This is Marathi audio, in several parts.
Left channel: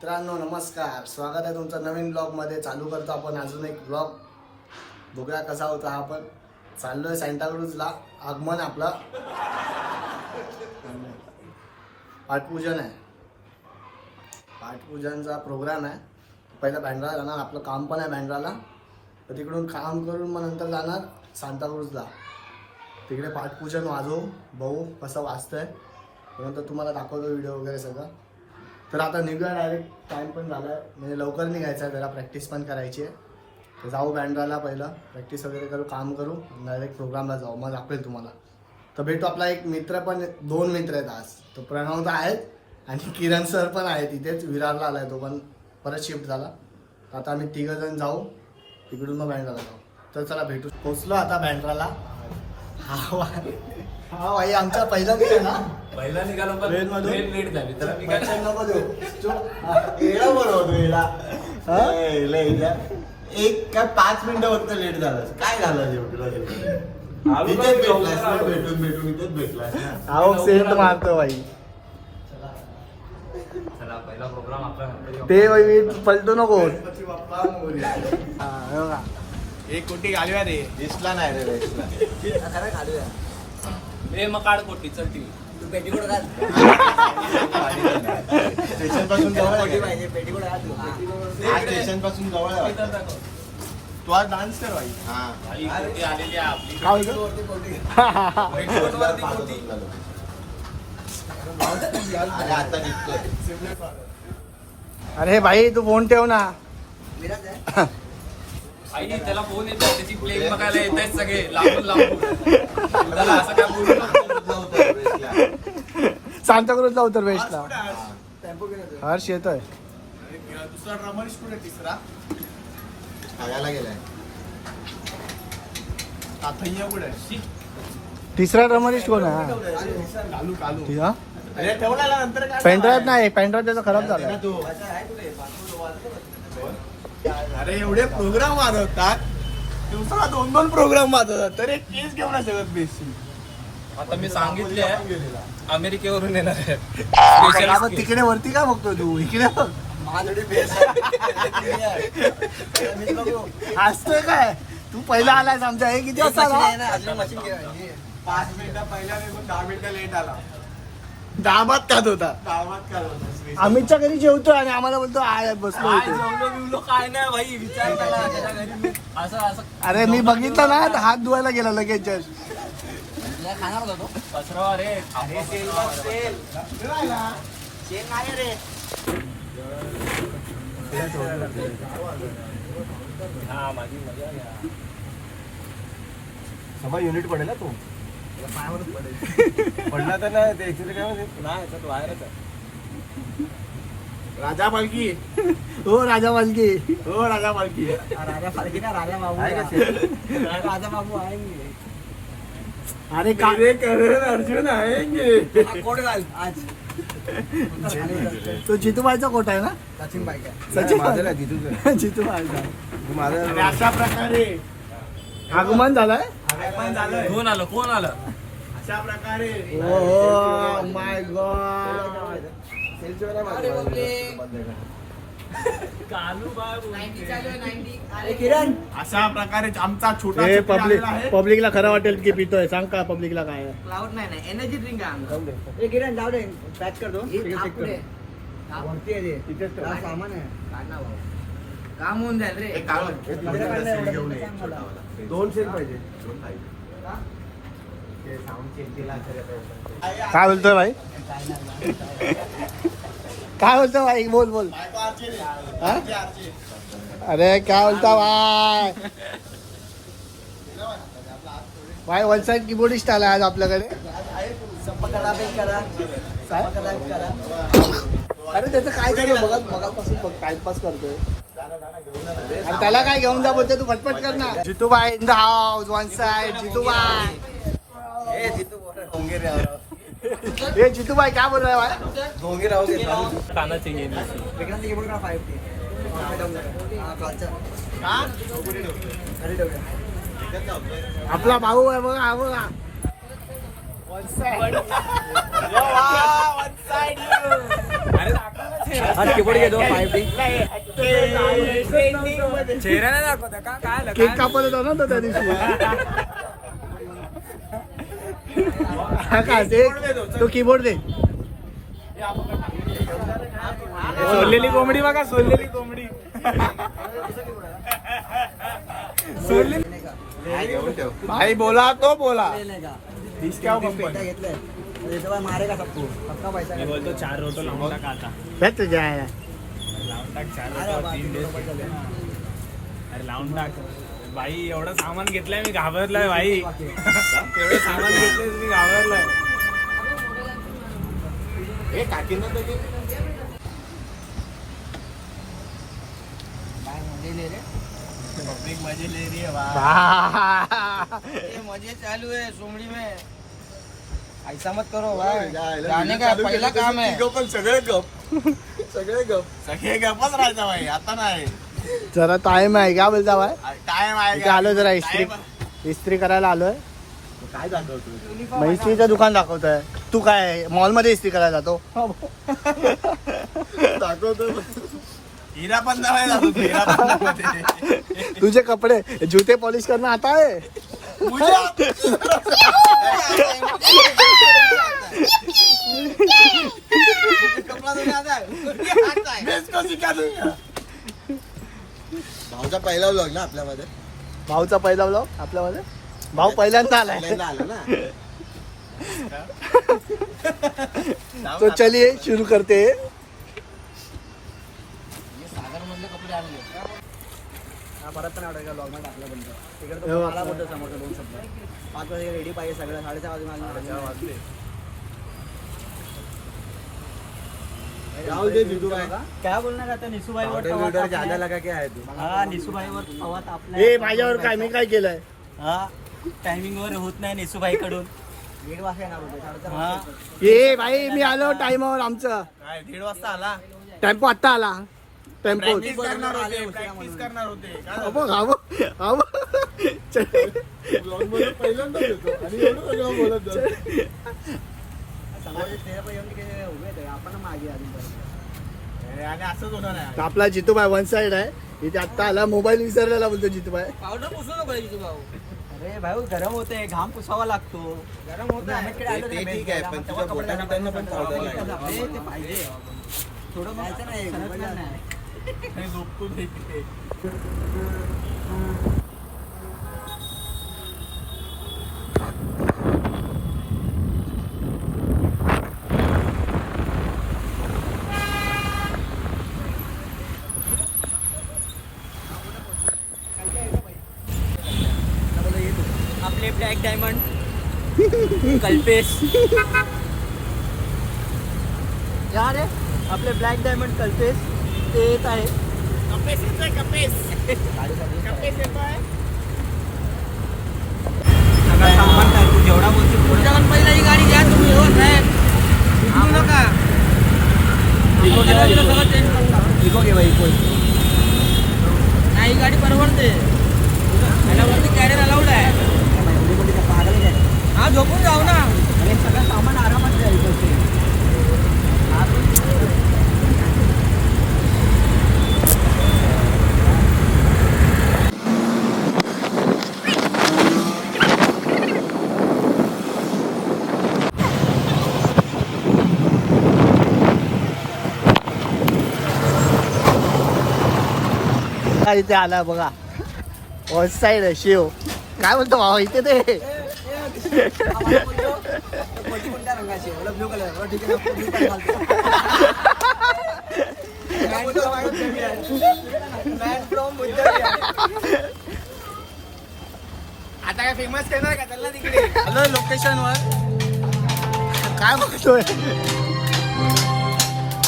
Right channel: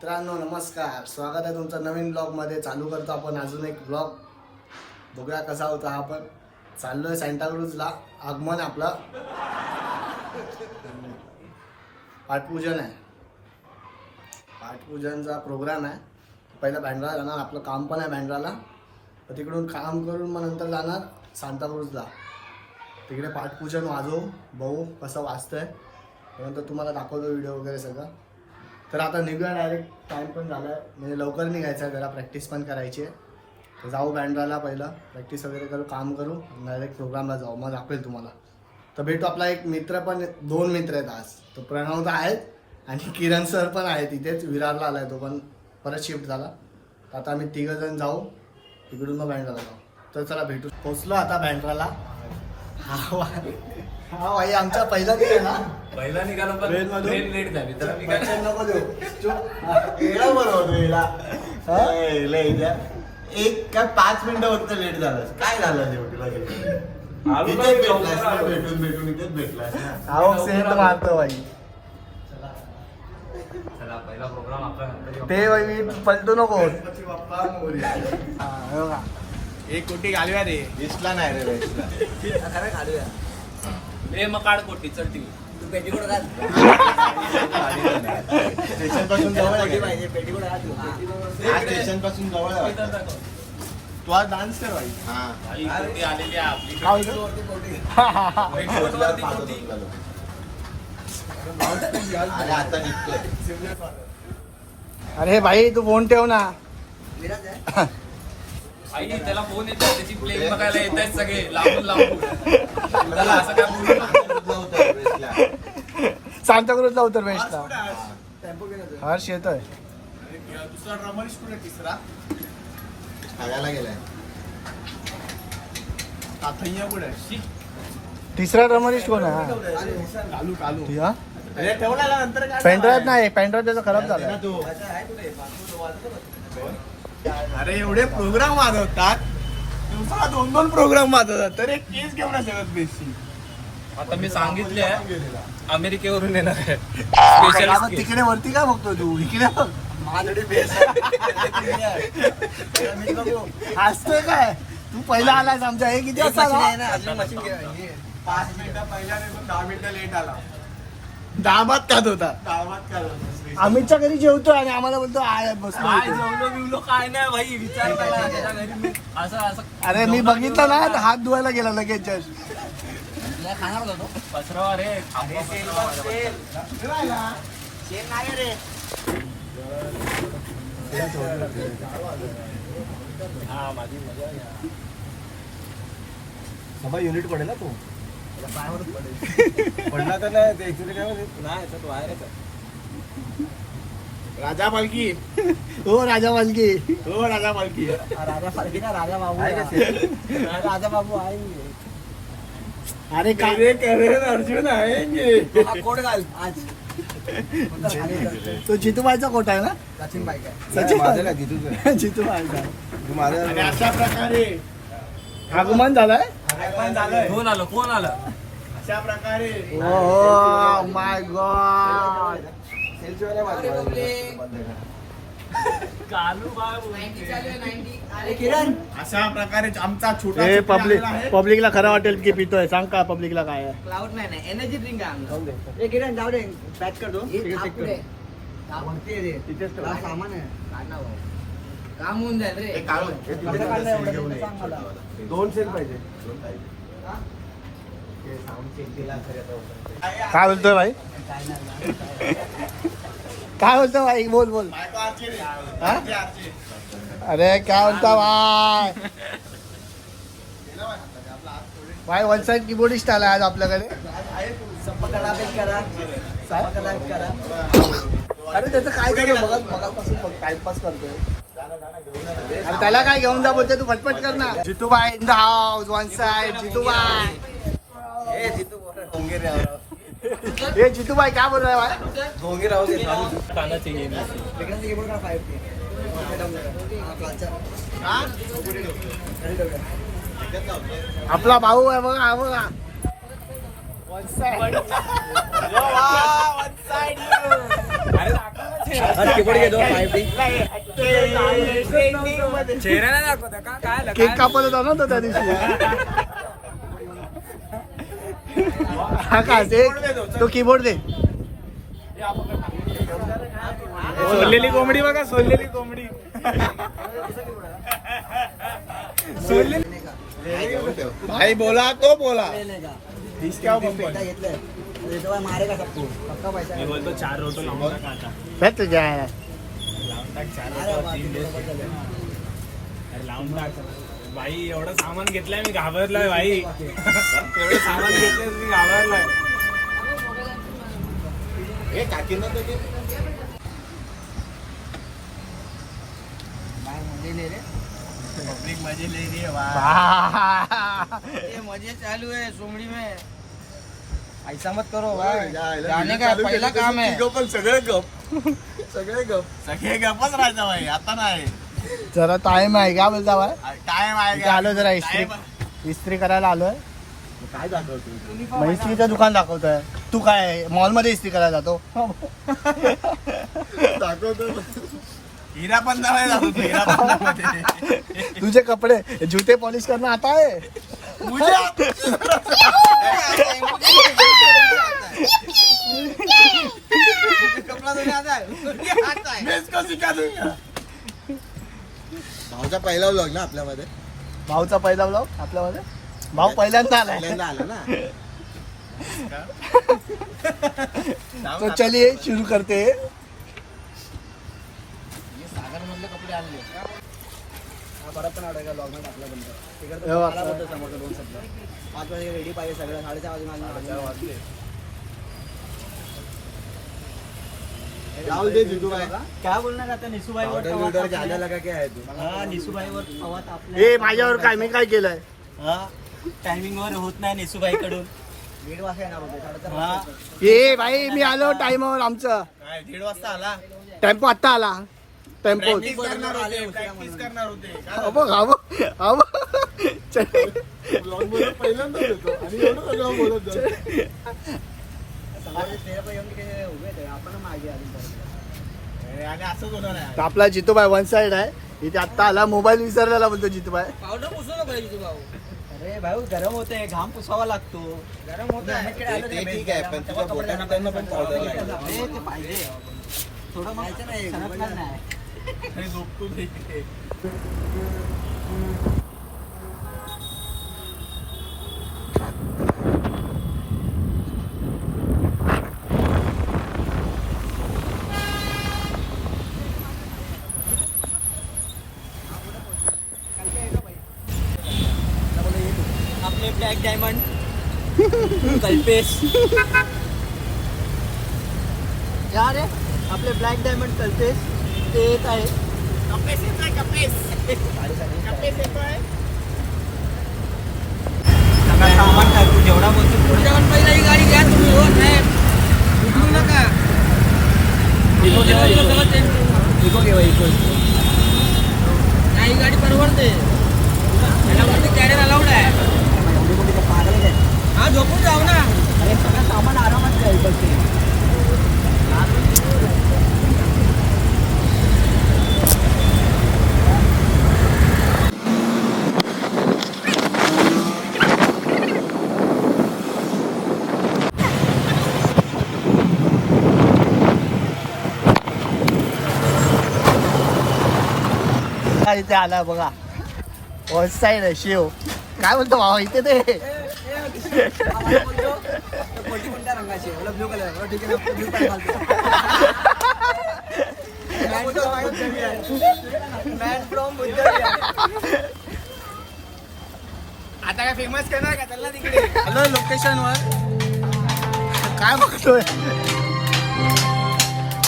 मित्रांनो नमस्कार, स्वागत आहे तुमचा नवीन ब्लॉग मध्ये. चालू करतो आपण अजून एक ब्लॉग. बघूया कसा होता. आपण चाललोय सांताक्रूजला. आगमन आपला पाठपूजन आहे. पाठपूजनचा प्रोग्राम आहे. पहिला बँड्राला जाणार. आपलं काम पण आहे बँड्राला. तर तिकडून काम करून मग नंतर जाणार सांताक्रूजला. तिकडे पाठपूजन वाजवू, बघू कसं वाजतंय. नंतर तुम्हाला दाखवतो व्हिडिओ वगैरे सगळं. तर आता निघूया डायरेक्ट. टाईम पण झाला आहे, म्हणजे लवकर निघायचं आहे. जरा प्रॅक्टिस पण करायची आहे. तर जाऊ बँड्राला, पहिलं प्रॅक्टिस वगैरे करू, काम करू, डायरेक्ट प्रोग्रामला जाऊ. मग दाखवेल तुम्हाला. तर भेटू. आपला एक मित्र पण, 2 मित्र आहेत आज. तो प्रणव तर आहेत आणि किरण सर पण आहेत. इथेच विरारला आला आहे तो पण, परत शिफ्ट झाला. आता आम्ही 3 जण जाऊ तिकडून, मग बँड्राला जाऊ. तर चला भेटू. पोचलो आता बँड्राला. हा भाई आमचा पहिला दिवस आहे ना. पहिला निघालो पण ट्रेन मधून लेट झाली तर मी काय नको देऊ. एक का 5 मिनिटं फक्त लेट झालं. काय झालं भेटून इथेच भेटला. अहो सेंट मारतो भाई. चला पहिला प्रोग्राम आपला. ते भाई मी पलटो नको. एक कोटी घालूया रे. दिसला नाही रे. खरं घालूया. हे मग काढ कोटी चलती तू पेटीकोट घाल. स्टेशन पासून जवळ पाहिजे पेटीकोट घालू. स्टेशन पासून जवळ तू आज डान्स कर भाई. आई कोटी आलेली आहे आपली. वरती कोटी. पेटीकोट वरती कोटी. अरे आता दिसतोय. अरे भाई तू फोन ठेव ना. आई त्याला फोन येतो, त्याची प्लेन बघायला येत आहेत सगळे लांबून लांबून. त्याला असं काय बोलू. सांताक्रूजचा उत्तर वेस्टला हर्ष येतोय. तिसरा शाळेला गेलाय. तिसरा ड्रमरिस्ट कोण आहे? अरे तेवढा नंतर काय पेंड्राईव्ह नाही. पेंड्राईव्ह त्याचा खराब झाला. अरे एवढे प्रोग्राम वाजवतात. दुसरा 2 प्रोग्राम वाजवतात. तर एक केस घेऊन सगळं बेसिक. आता मी सांगितले अमेरिकेवरून येणार आहे. आपण तिकडे वरती काय बघतोय तू? इकडे बघ. असतोय काय तू? पहिला आलास आमच्या. हे किती वाजता आला? 5 मिनिटं पहिला निघून 10 मिनिटं लेट आला. दाबात खात होता. गावात काय होतं? अमितच्या घरी जेवतो आणि आम्हाला बोलतो आय बसलो. काय जेवलो बिवलो काय नाही भाई. विचार केला त्याच्या घरी मी असं असं अरे मी बघितलं ना, तर हात धुवायला गेला लगेच. पसरवा रे. थांबवा पसरवा माझ्या. हा माझी मजा आहे. युनिट पडेल ना तू. पडला तर नाही ते नाही तर बाहेर. राजा पालखी. हो राजा पालखी. हो राजा पालखी. राजा पालखी ना. राजा बाबू आहे का? राजा बाबू आहे. अरे अर्जुन आहे. कोट घाल आज. तो जितूबाईचा कोट आहे ना. सचिन बाई का? जितूबाईचा. अशा प्रकारे आगमन झालंय. कोण आलं कोण आलं. अशा प्रकारे ओ माय गॉड. अशा प्रकारे आमचा छोटा हे पब्लिक पब्लिकला खरं वाटेल की पितोय. सांग का पब्लिकला काय आहे? क्लाउड नाही एनर्जी ड्रिंक आहे आमचा. किरण जाऊ दे. पॅक कर दो. सामान आहे काढ ना भाऊ. काम होऊन जाईल रे. घेऊन ये. 2 सेल पाहिजे. काय बोलतो भाई? काय बोलतो भाई? बोल बोल. हा? अरे काय बोलता भाई? भाई वलसाड किबोर्डिस्ट आला आज आपल्याकडे. अरे त्याचं काय करू बघापासून टाइमपास करतोय. त्याला काय घेऊन जा बोलते तू? फटफट कर ना. Jitubai in the house. One side Jitubai. हे जितूबाई काय बोल रहा है? कानाची आपला भाऊ आहे बघा. हा बघा. One side. अरे चेहरा नाही दाखवता का काय आलं? केक कापत होता ना तो त्या दिवशी. हा का ते तो कीबोर्ड दे. सोडलेली कोंबडी बघा, सोडलेली कोंबडी. भाई बोला तो बोला. मारेगा सबको पक्का पैसा मी बोलतो 4 रोटो लावून टाका आता. भेट तुझ्या लावून टाक 4 रोटो 3 दिवस. अरे लावून टाक बाई. एवढं सामान घेतलंय मी घाबरलोय बाई. एवढं सामान घेतलंय मी घाबरलोय. मजे ले रही है मजे चालू है सोमड़ी में. ऐसा मत करो जाने का पहिला काम आहे. सगळे गपच राहायचं भाई. आता नाही जरा टाइम आहे का बोलता बाय. टाइम आहे. आलो जरा इस्त्री करायला आलोय. काय झालं? इस्त्रीचं दुकान दाखवतोय. तू काय मॉल मध्ये इस्त्री करायला जातो. हिरा पण हिरा तुझे कपडे जूते पॉलिश करणं आता आहे. भाऊचा पहिला व्लॉग ना आपल्यामध्ये. भाऊचा पहिला ब्लॉग आपल्यामध्ये. भाऊ पहिल्यांदा आला आलं ना. तो चलिए शुरू करते. परत पण आवडेल का ब्लॉग मध्ये टाकलं बंद. तिकडे हो, मला बोलतो समोरचं 2 शब्द. 5 वाजे रेडी पाहिजे सगळं. 4:30 वाजून क्या बोलना चाहते हैं निशू भाई और ज्यादा लगा क्या है तू. हाँ निशू भाई वर फवात आपल्या. ए माझ्यावर काय मी काय केलंय. हा टायमिंग वर होत नाही निशू भाई कडून. 1:30 वाजता येणार होते. हा ए भाई मी आलो टाइमावर. आमचं 1:30 वाजता आला. टेम्पो आत्ता आला. टेम्पो प्रॅक्टिस करणार होते. आपण मागे आणि असंच होणार नाही. आपला जितूबाई वन साइड आहे. इथे आत्ता आला. मोबाईल विसरलेला बोलतो जितूबाई. अरे भाऊ गरम होते. घाम पुसावा लागतो. गरम होते ते ठीक आहे पण तुझ्या बोटांना पण पावडर लागेल. ते पाहिजे थोडं माहिती नाही. आपले ब्लॅक डायमंड कल्पेश. या रे आपले ब्लॅक डायमंड कल्पेश ते येत आहे. सगळं सामान टाक. तू जेवढा बोलतो पहिला ही गाडी द्या तुम्ही. हो नका इको घे बाई. इको नाही गाडी परवडते. त्याच्यावरती कॅरेट अलाउड आहे. एवढी मोठी तर पागल आहे. हा झोपून जाऊ ना. अरे सगळं सामान आरामात जायचं. इथे आला बघा. वन साइड आहे शिव. काय बोलतो भाऊ इथे ते. कोणत्या रंगाची आहे. Blue colour. ठीक आहे ना. ब्लू कलर आता काय फेमस करणार का चालला तिकडे. लोकेशन वर काय बघतोय.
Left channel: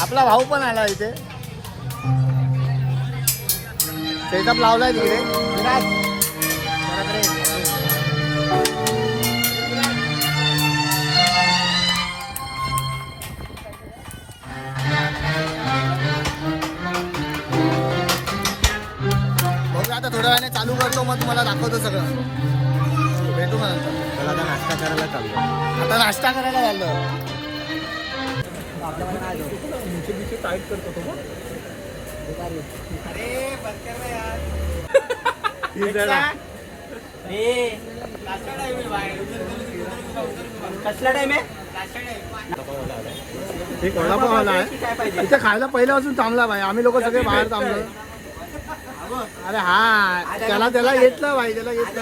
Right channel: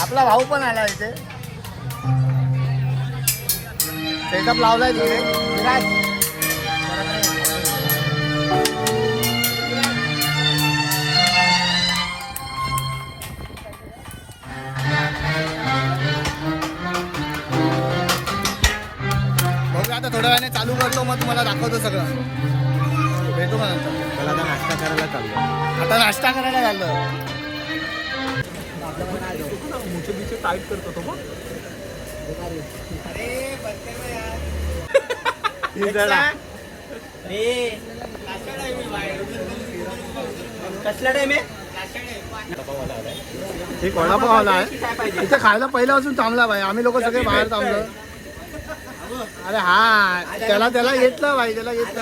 आपला भाऊ पण आला इथे. सेटअप लावलाय तिथे. आता थोड्या वेळाने चालू करतो. मग तुम्हाला दाखवतो सगळं. भेटू का नंतर. आता नाश्ता करायला चाललो. आपल्याला काय कशी टाईट करतो तो बघ. ही जरा. कसला टाइम आहे एक वडापाव आला आहे इथे खायला पहिल्यापासून थांबला भाई. आम्ही लोक सगळे बाहेर थांबलो. अरे हा त्याला घेतलं भाई, त्याला घेतलं.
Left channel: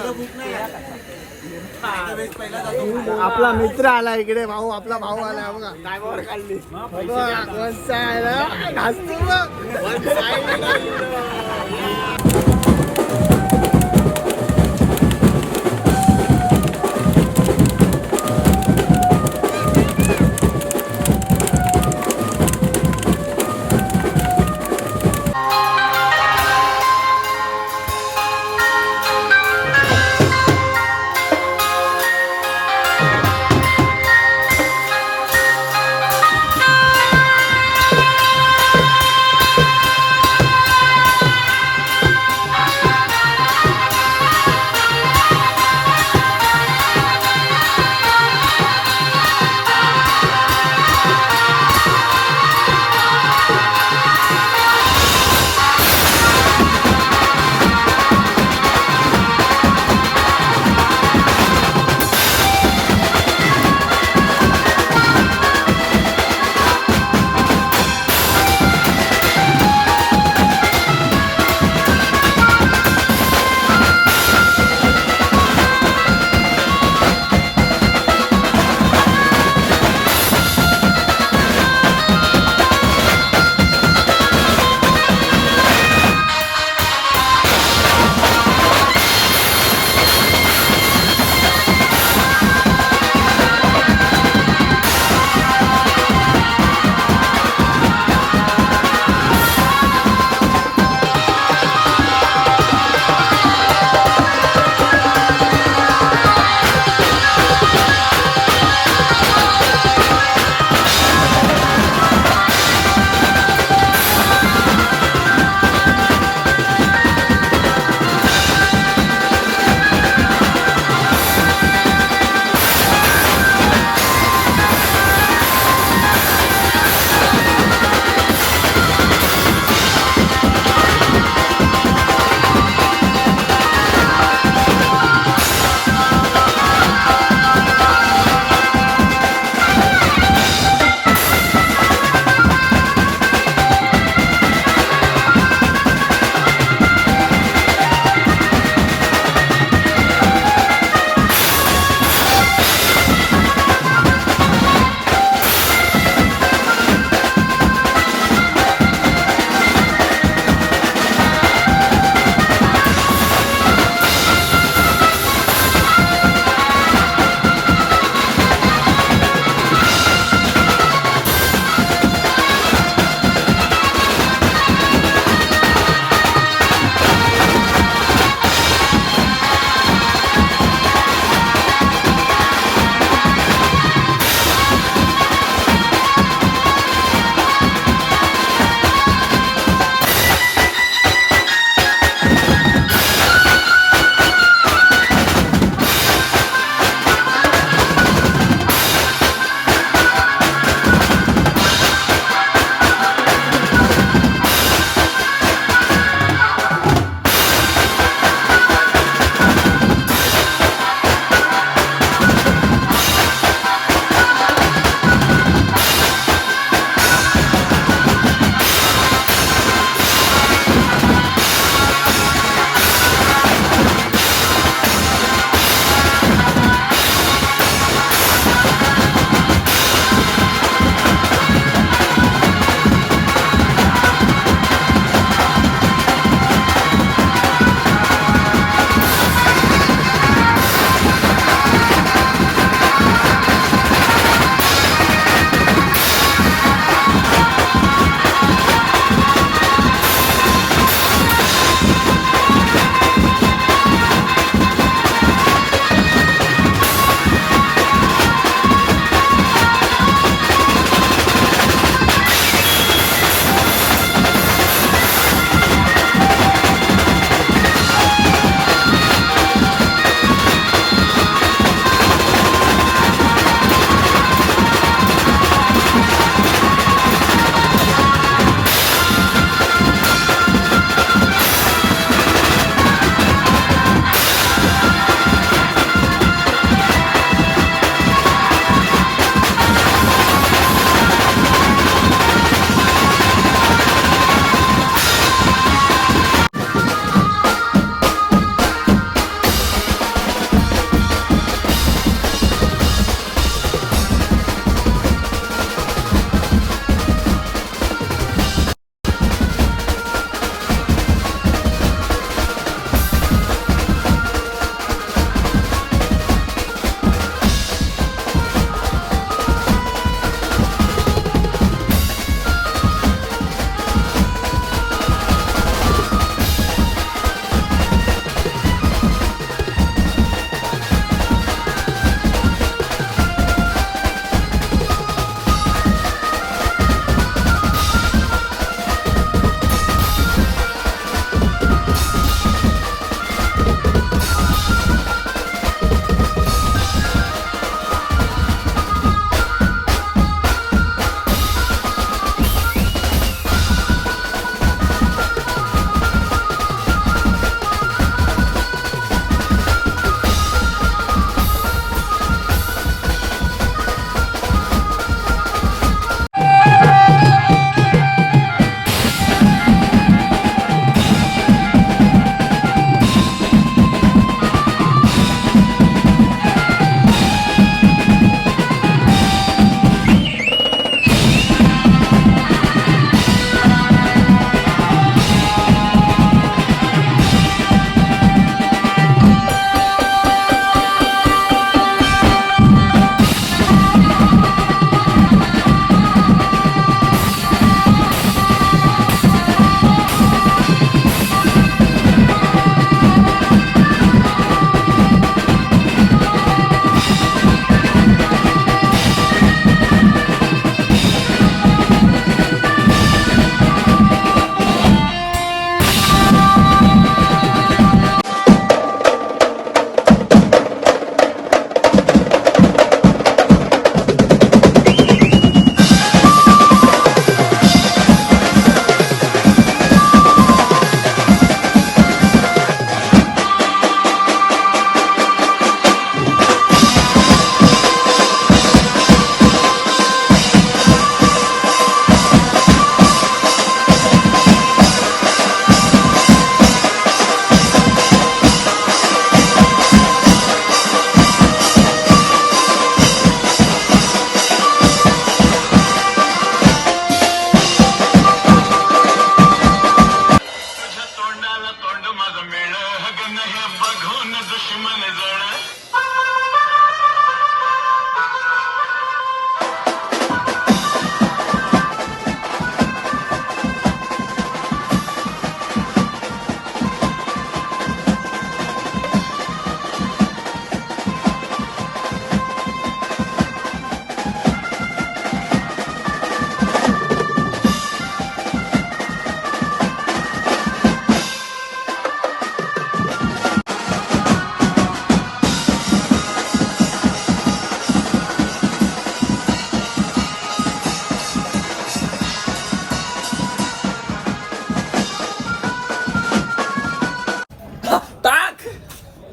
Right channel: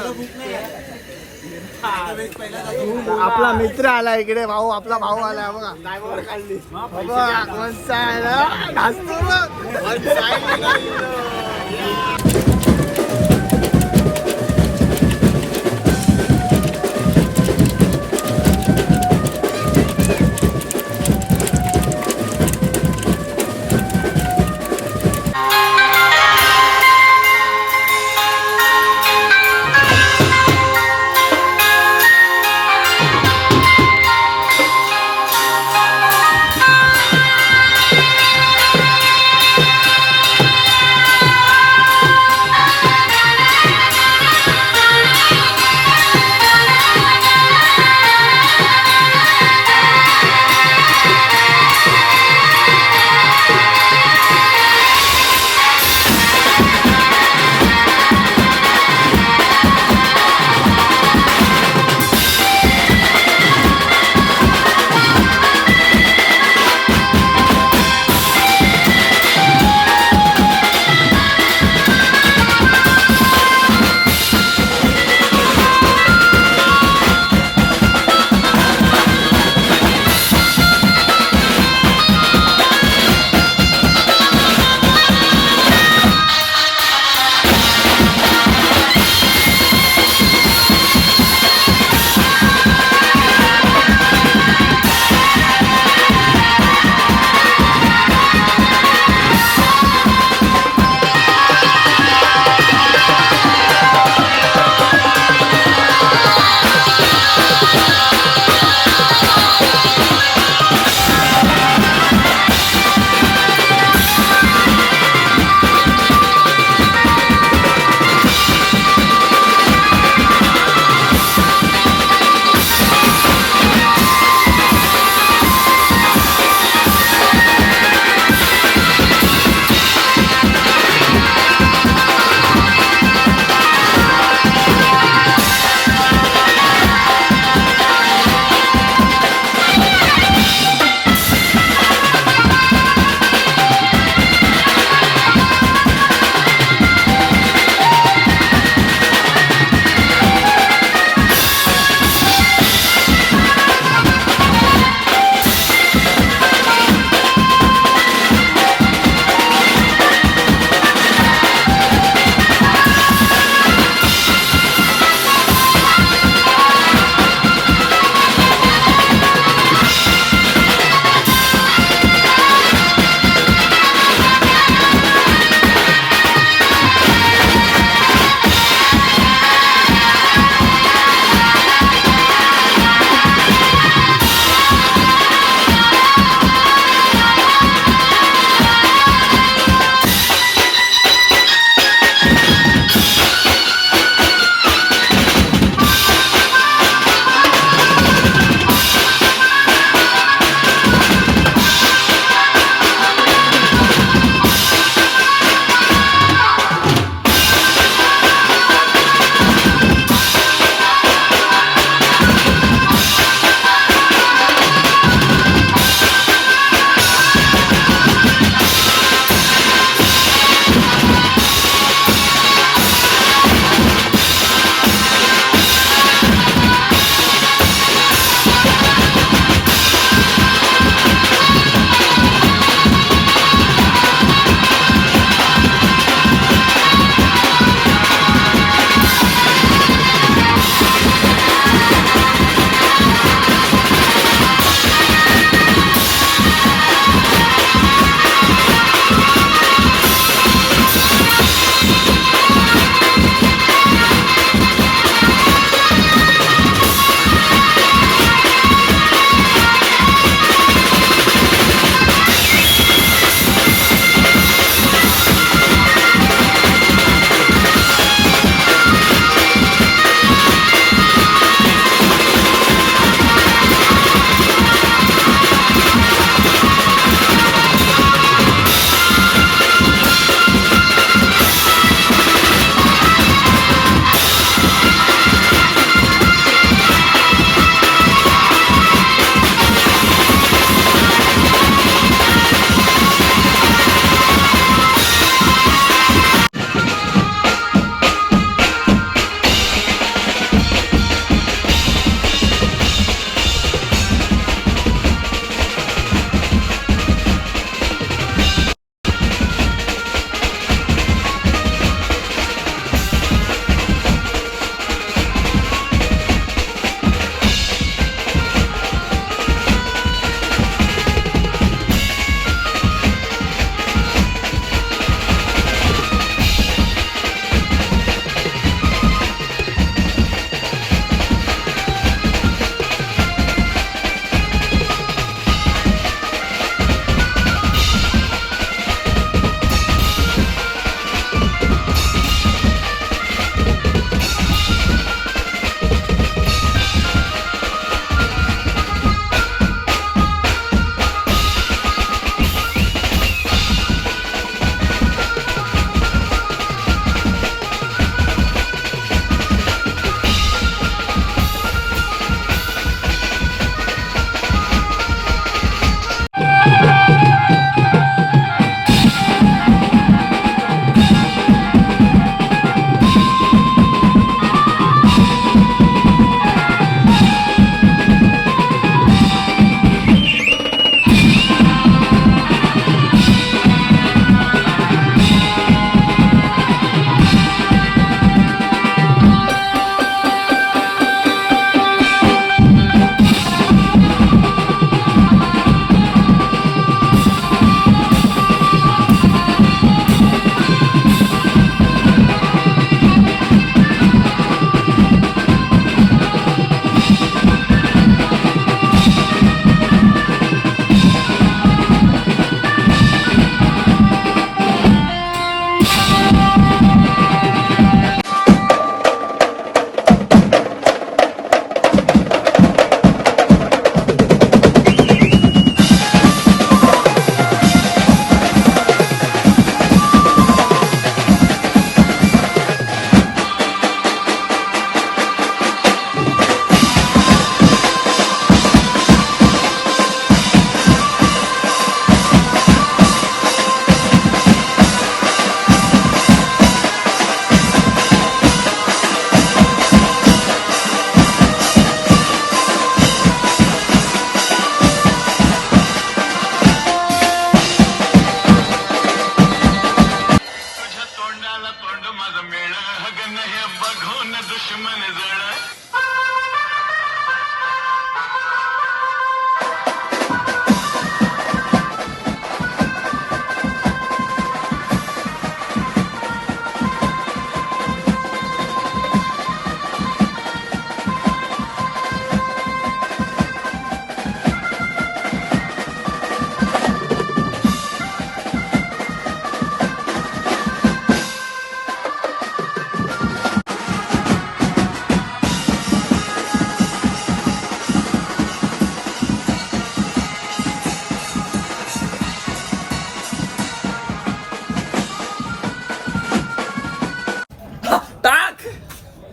आपला मित्र आला इकडे, भाऊ आपला भाऊ आला बघा. बघा कोणचा आहे, घासतो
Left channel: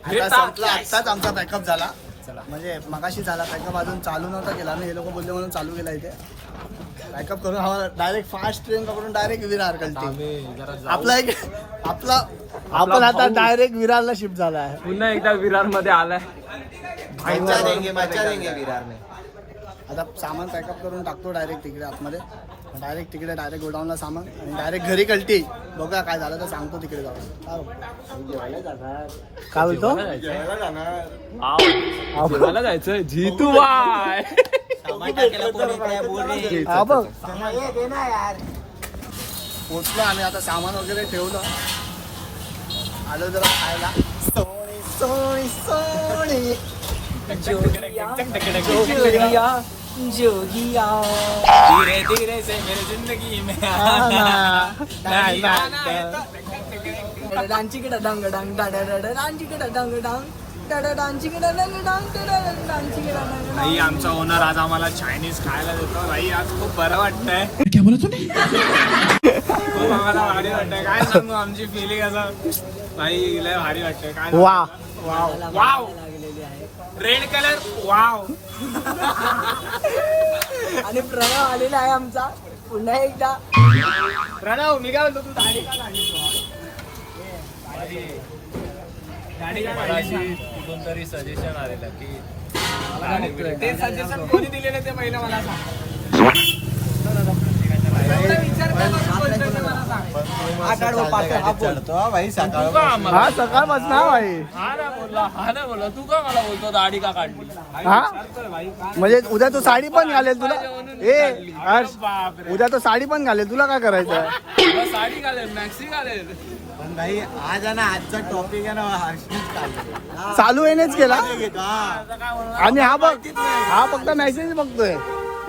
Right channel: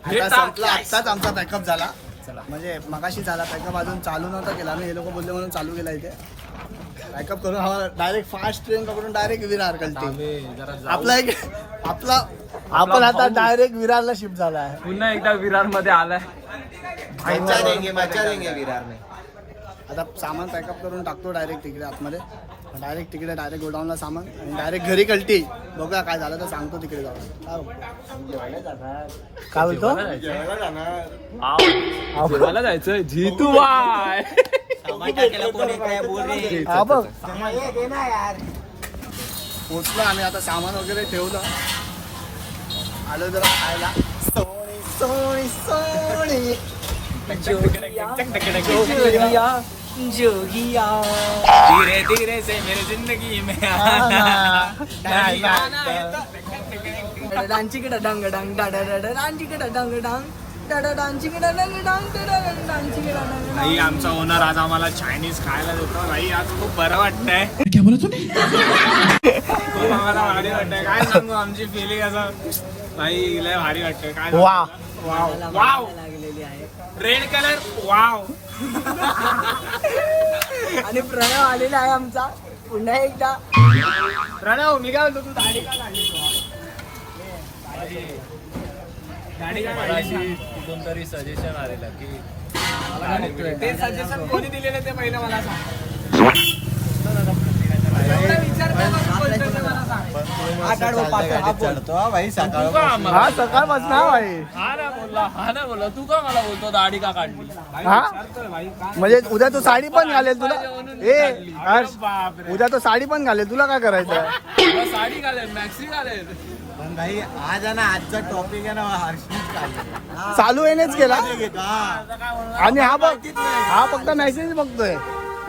आता संपला, आत्ताच आमचा पॅकअप झाला. म्हणजे मगाशी झाला पॅकअप, अजून चालू नव्हता केला आम्ही. हे लोक बोलले म्हणून चालू केला इथे. पॅकअप करून आम्हाला डायरेक्ट फास्ट ट्रेन पकडून डायरेक्ट विरार कळते. आपण आता डायरेक्ट विरारला शिफ्ट झाला आहे. पुन्हा एकदा विरार मध्ये आलाय. मजा देंगे विरार में. आता सामान पॅकअप करून टाकतो डायरेक्ट तिकडे आतमध्ये. डायरेक्ट गोडाऊनला सामान आणि डायरेक्ट घरी कळते. बघा काय झालं तर सांगतो तिकडे जाऊन. काय बोलतो? जेवायला जायचं जीतू पोचलो आम्ही आता. सामान वगैरे ठेवलं, आलो जरा खायला. सोनी सोनी सोनी जोगिया धीरे धीरे से मेरी जिंदगी में आना. डांची किडा डंग डंग डाडा डाडा डांची किडा डंग डंग डाडा डांची किडा डंग डंग डाडा डांची किडा डंग. भाई आमचा ओनर आज आम्हाला चायनीज खायला देतो. भाई आज खूप बरं वाटतंय. खूप आम्हाला भारी वाटतंय. काय सांगू आमची फिलिंग असं. भाई लय भारी वाटतंय. काय वा. Wow wow red colour wow. आणि प्रणव आलेला आहे आमचा पुन्हा एकदा. प्रणव मी काय म्हणतो, तू दाढी का काढली तू? दाढी का काढली? कुठून तरी सजेशन आलेलं की ते सजेशन कोणी दिलेलं ते पहिलं मला सांग. सकाळ हा सकाळपासून हा भाई. हा ना बोला तू का मला बोलतो दाढी का काढली? हा? म्हणजे उद्या तू साडी पण घालेल उद्या तो साडी पण घालेल, तुला काय करायचं? साडी घालेल, मॅक्सी घालेल. पण भाई आज आहे ना, आजचा टॉपिक आहे ना हर्षित का चालू येणेच केला आणि हा फक्त मेसेज बघतोय.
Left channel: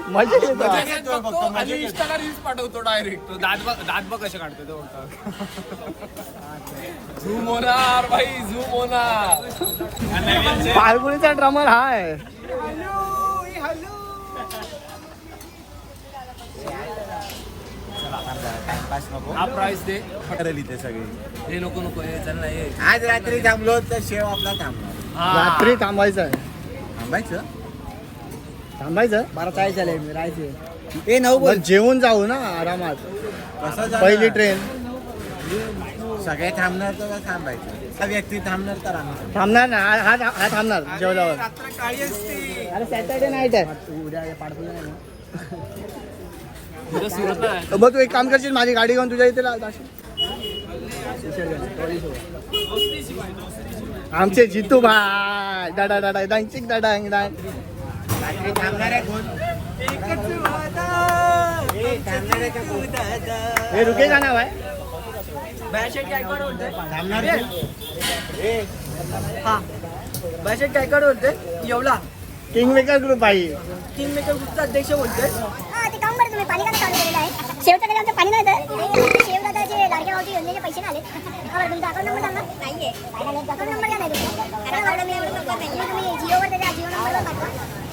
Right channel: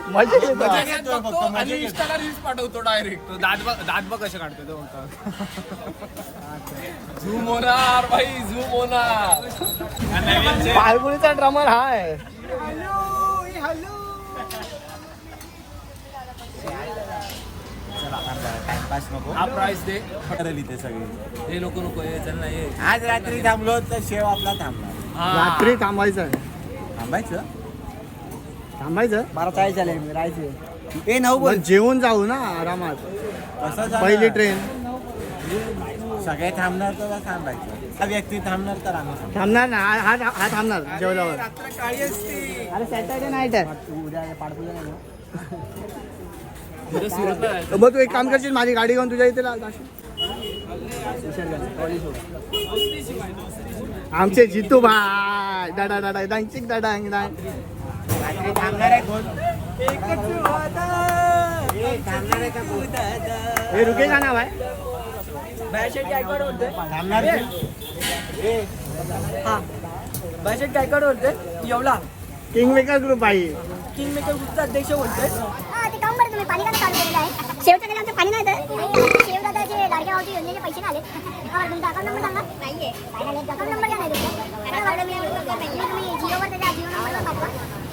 माझ्या इंस्टाला रील्स पाठवतो डायरेक्ट. दात बघ कसे काढतो ते. झूम होणार भाई, झूम होणार. पारगुणीचा ड्रमर हा आहे. हा प्राइस दे. इथे सगळे हे नको नको हे चल नाही. आज रात्री थांबलो तर शेव आपला थांबणार. रात्री थांबायचं आहे. थांबायचं 12:40 झाले राहायचे. ए नऊ मग जेवून जाऊ ना आरामात. कसं जाणार? पहिली ट्रेन सगळे थांबणार तर थांबायचं. हा व्यक्ती थांबणार तर आम्ही थांबणार ना. हा थांबणार जेवल्यावर. रात्र काळी असते. अरे सॅटर्डे नाईट आहे. तू उद्या पाठवलं नाही ना. बघ तू एक काम करशील, माझी गाडी घेऊन तुझ्या इथे जाशील. आमचे जितू भाई डाडा डाडा डांग डांग डांग. रात्री थांबणार आहे कोण? हे रुके का नाव आहे? थांबणार हा बॅशेट टायकड बोलते. एवढा किंग मेकर ग्रुप आहे. किंग मेकर ग्रुपचा अध्यक्ष बोलते. ते काम बरं तुम्ही पाणी चालू केलेलं आहे. शेवटच्या तरी आमचं पाणी नाही तर शेवदादाचे लाडक्या भाऊची योजनेचे पैसे आले. तुमचा अकाउंट नंबर सांगा. नाहीये अकाउंट नंबर काय नाही तुम्ही जिओवर त्याच्या जिओ नंबरवर पाठवा.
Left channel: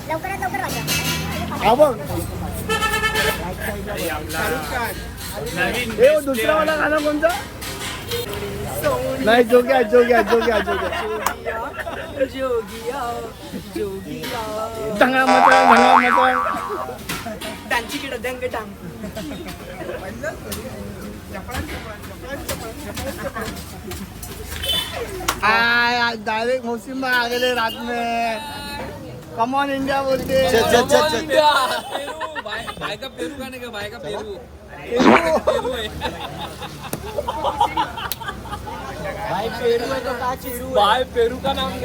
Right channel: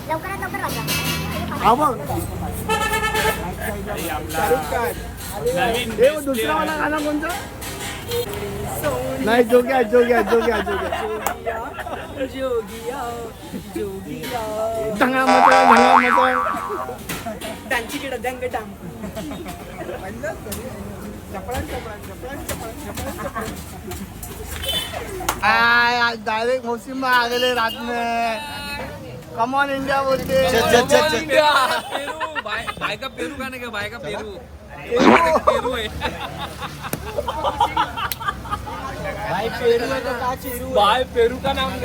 लवकरात लवकर पाठवा. हा बघ हे दुसरा वाला गाणं कोणतं? नाही जोग्या जोग्या जोग्या जोग्या जोगिया जोगिया धंगा मटण डांची किडा डंग डांग. डायरेक्ट मुस्लिम आ गए रात में. कमॉन इंडिया बोलते. भाई का पेरू का नाही का? भाई का पेरू पेरू आहे. भाई पेरू का नाम